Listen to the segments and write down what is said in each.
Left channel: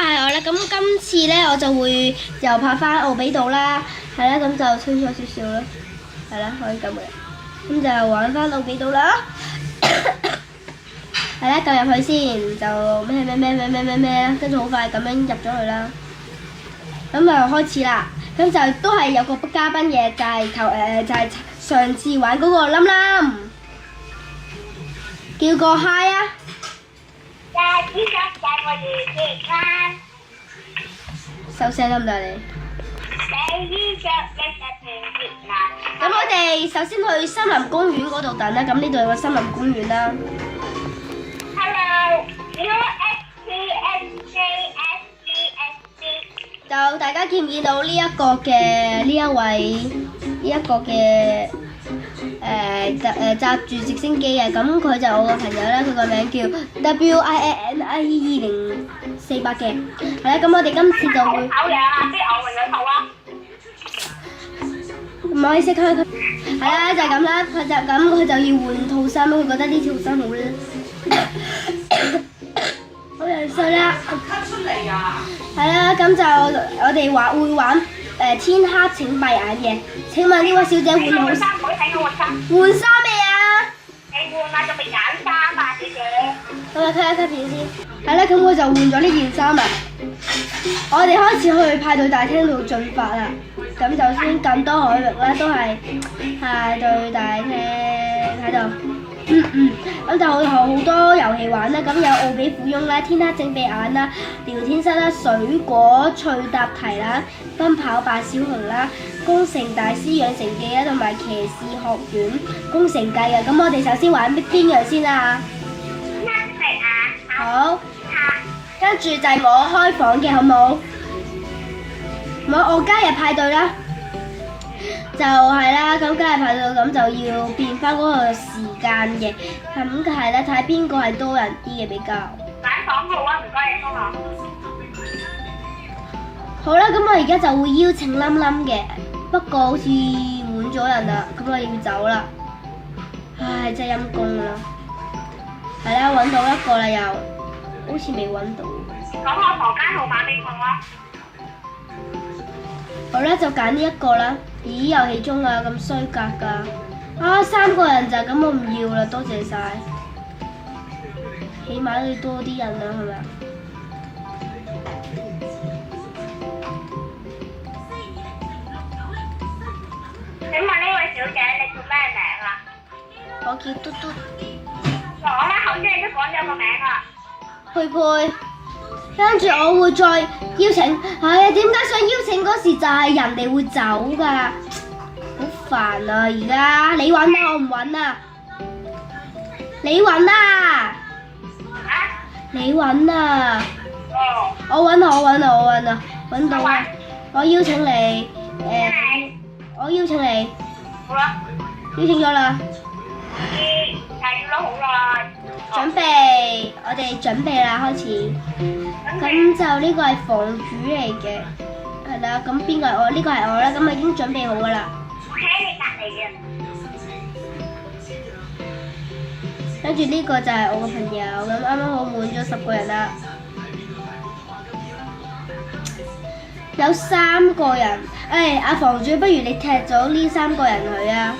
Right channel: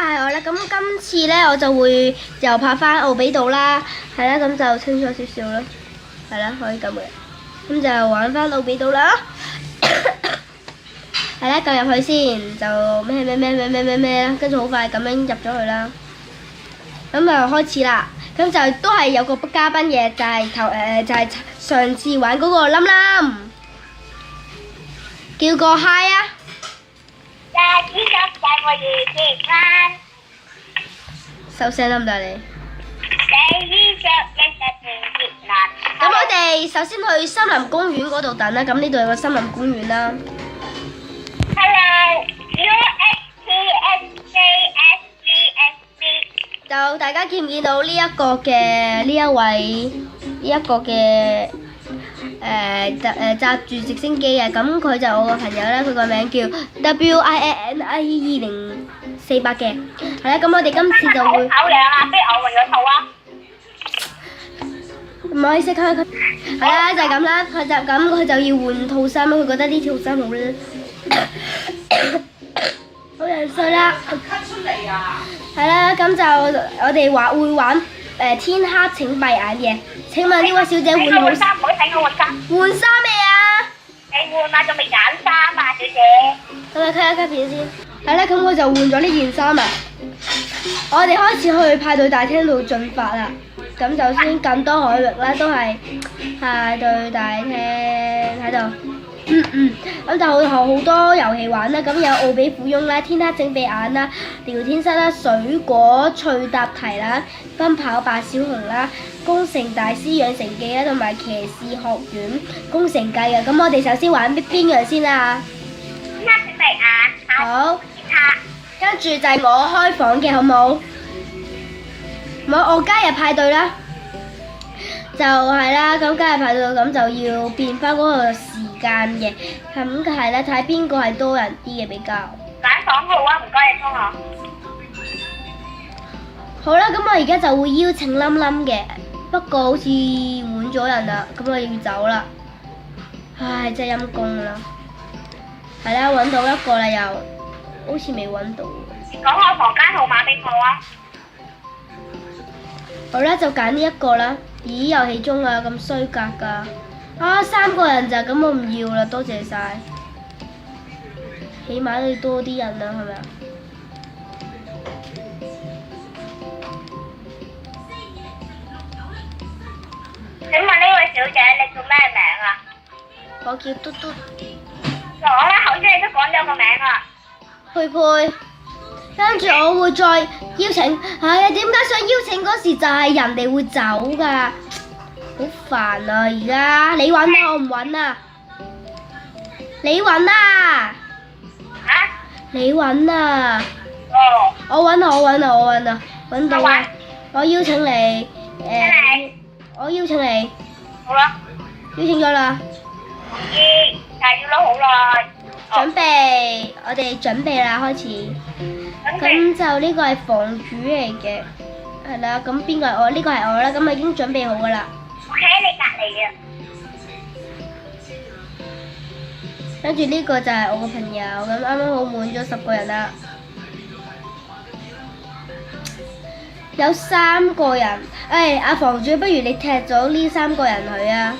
係我啦。咁今次咧我就會又拍翻奧比島啦，係啦，咁就清楚少少啦，係啦，可以咁嘅。咁就玩翻奧比島啦。係啦，撳入去先，就咩啦，跟住好快咁樣入咗去啦。咁就開始啦。咁就都係有個嘉賓嘅，就係上次玩嗰個冧冧，叫個 hi 啊！收聲得唔得你？咁我哋首先去森林公園嗰度等啦。咁呢度有個森林公園啦。就大家見唔見到呢一個嘅呢一位揸住直升機嘅？咁佢就我個朋友啦，佢個名叫 WINNIE 0400嘅。係啦，咁我哋今次就會唔可以識佢。係啦，就係咁啦。佢就要換套衫，佢覺得呢套衫好靚，好樣衰啦。係啦，咁就我哋會玩天黑請閉眼嘅。請問呢位小姐換好衫？換衫未啊？你換啊，仲未揀衫啊，小姐。咁你睇一片先。係啦，咁我就換咗呢件衫啊。我哋開始去派對大廳度進發啦。咁就先咁多海域啦，都係派對大廳喺度。咁就會有好多遊戲玩啦。咁有奧比富翁啦、天黑請閉眼啦、聊天室啦、水果趣答題啦、奔跑吧小熊啦、工程大師養成記啦，同埋騎士學院工程計嘅。咁我哋首先玩邊樣先啊？天黑請閉眼。好。跟住就係我開房嘅，好冇？我加入派對啦。就係啦，咁加入派對咁就要變翻嗰個時間嘅，咁係啦，睇下邊個係多人啲嘅比較。揀房號啊，唔該你幫我。好啦，咁我而家就會邀請冧冧嘅，不過好似滿咗人啦，咁我要走啦。唉，真係陰公啦。係啦，揾到一個啦又，好似未揾到。講個房間號碼俾我啊！好啦，就揀呢一個啦。咦，遊戲中啊，咁衰格㗎！啊，3個人咋，咁我唔要啦，多謝晒。起碼都要多啲人啦，係咪啊？請問呢位小姐，你叫咩名啊？我叫嘟嘟。講啦，頭先你都講咗個名啦。佩佩。跟住我會再邀請，唉呀，點解想邀請嗰時就係人哋會走㗎？好煩啊！而家你揾啊，我唔揾啊。你揾啊！你揾啊！我揾啊！揾到啊！我邀請你，我邀請你。好啦。邀請咗啦。但係要咗好耐。準備，我哋準備啦，開始。咁就呢個係房主嚟嘅，係啦。咁邊個係我？呢個係我啦。咁我已經準備好噶啦。我喺你隔離嘅。跟住呢個就係我個朋友，咁啱啱好滿咗10個人啦。有3個人，阿房主，不如你踢咗呢3個人去啊？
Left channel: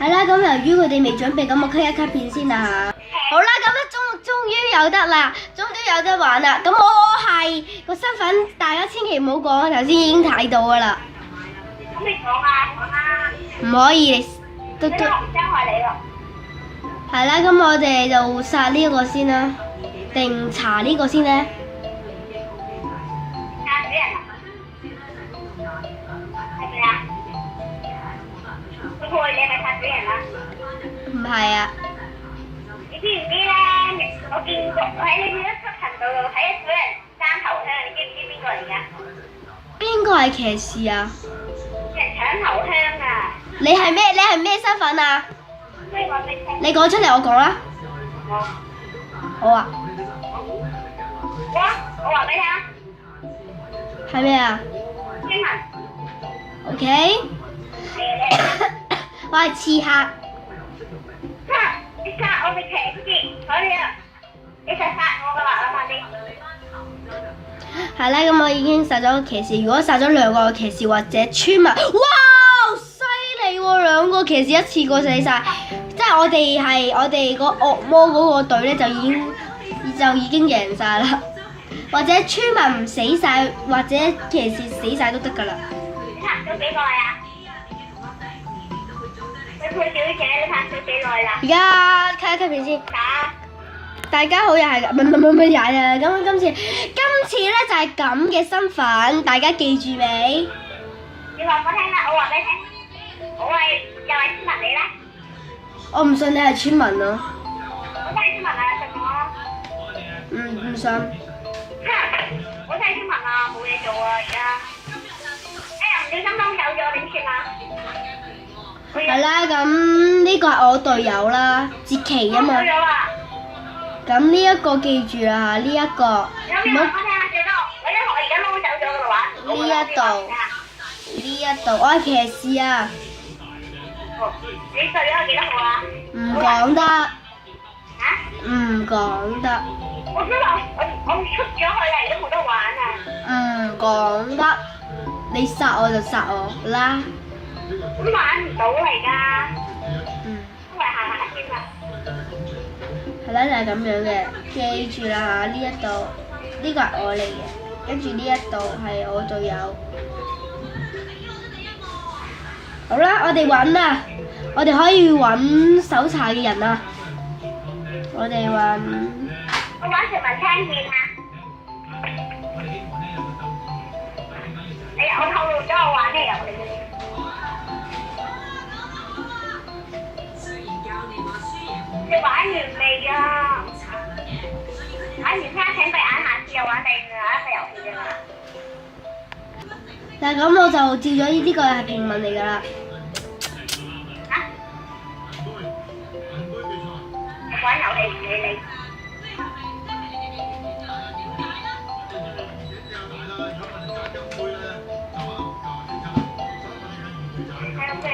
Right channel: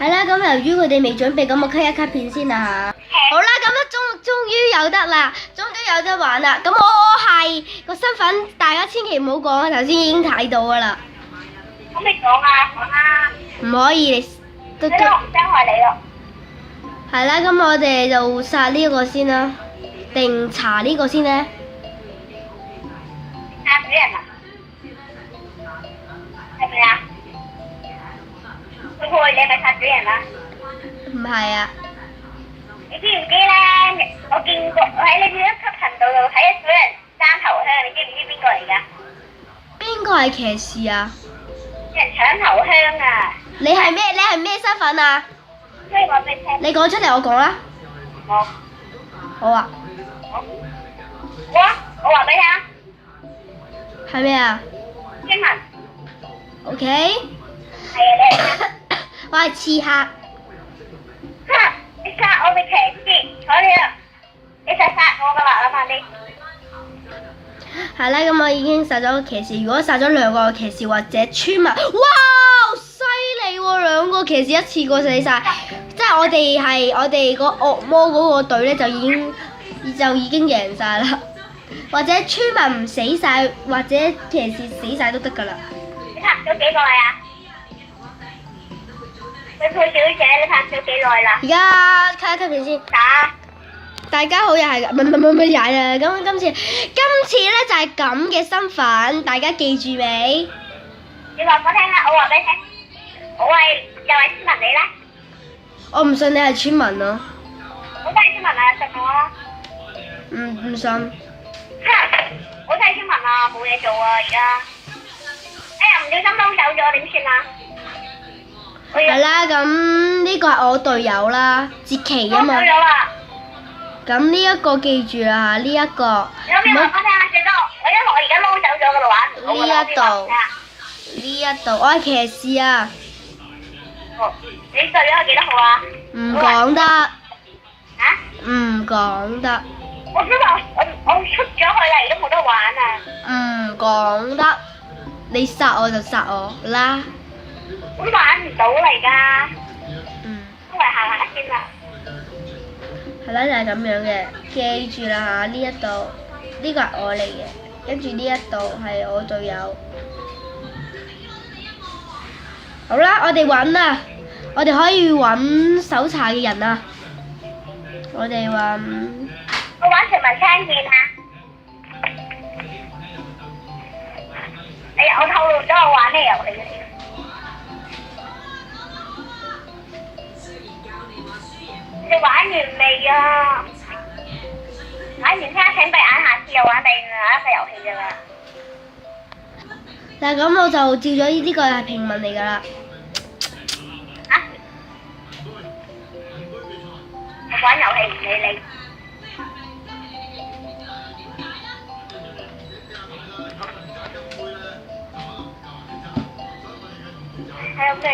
係啦，咁由於佢哋未準備，咁我 cut 一 cut 片先啦嚇。好啦，咁啊終於有得啦，終於有得玩啦。咁我係個身份，大家千祈唔好講啊！頭先已經睇到噶啦。咁你講啊，講啊。唔可以，都傷害你咯。係啦，咁我哋就殺呢個先啦，定查呢個先呢？殺主人啊？係咪啊？佩佩，你係咪殺主人啊？唔係啊。你知唔知咧？我見過喺你呢一級頻道度睇一組人爭頭香，你知唔知邊個嚟㗎？邊個係騎士啊？搶頭香啊！你係咩身份啊？所以講俾你聽。你講出嚟，我講啦。好啊。我話俾你聽。係咩啊？英文。OK。係啊，你。我係刺客。你殺我嘅騎士，所以啊，你就殺我㗎啦，諗下你。係啦，咁我已經殺咗騎士。如果殺咗兩個騎士或者村民，哇！犀利喎，兩個騎士一次過死晒，即係我哋個惡魔嗰個隊咧就已經贏晒啦。或者村民唔死晒，或者騎士死晒都得㗎啦。你拍咗幾耐啊？你配小姐，你拍咗幾耐啦？而家卡片先。大家好，又係唔係又係啊！咁今次咧就係咁嘅身份，大家記住未？你話我聽下，我話俾你聽，我係又係村民你咧。我唔信你係村民咯。我真係村民啊，信我。唔信。我真係村民啊，冇嘢做啊而家。哎呀，唔小心撈走咗，點算啊？係啦，咁呢個係我隊友啦，哲奇啊嘛。咁呢一個記住啦嚇，呢一個唔好。呢一度，我係騎士啊。你隊友係幾多號啊？唔講得。嚇？唔講得。我出咗去啦，而家冇得玩啊。唔講得，你殺我就殺我啦。咁玩唔到嚟㗎。都係行下先啦。係啦，就係咁樣嘅，記住啦嚇，呢一度呢個係我嚟嘅，跟住呢一度係我隊友。好啦，我哋揾啦，我哋可以揾搜查嘅人啊。我哋揾。我玩全民槍劍啊！哎呀，我透露咗我玩咩遊戲？你玩完未啊？玩完聽請閉眼，下次又玩第二個遊戲啫嘛。嗱，咁我就照咗呢個係平民嚟㗎啦。玩遊戲唔理你。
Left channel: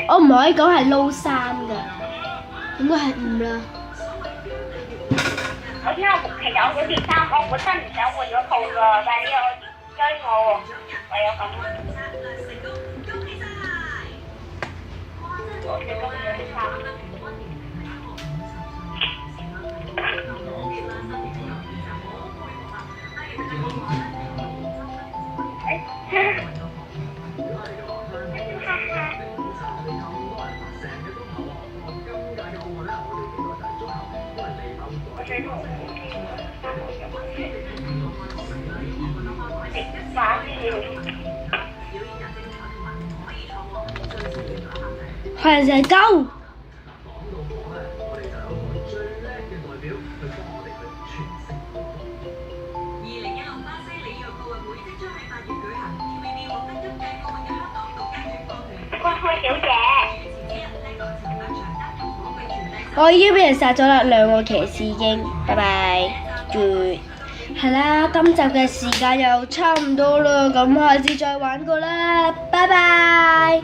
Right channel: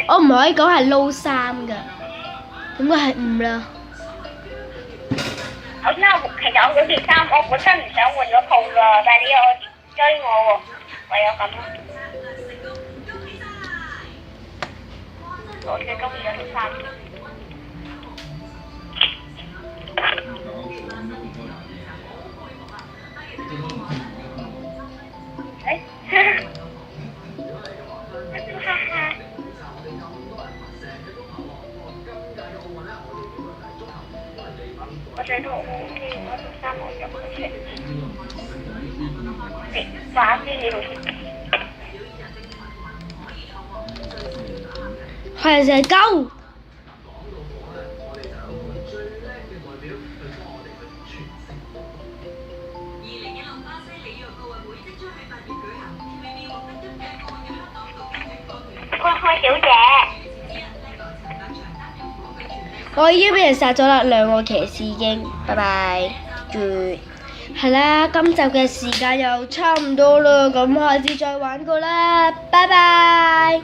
我唔可以講係撈3㗎，應該係5啦。我其實我嗰件衫，我本身唔想換咗套㗎，但係你又追我喎，唯有咁。我最中意嗰啲衫。係成鳩。小姐，我已經俾人殺咗啦，2個騎士已經，拜拜。係啦，今集嘅時間又差唔多啦，咁下次再玩過啦，拜拜。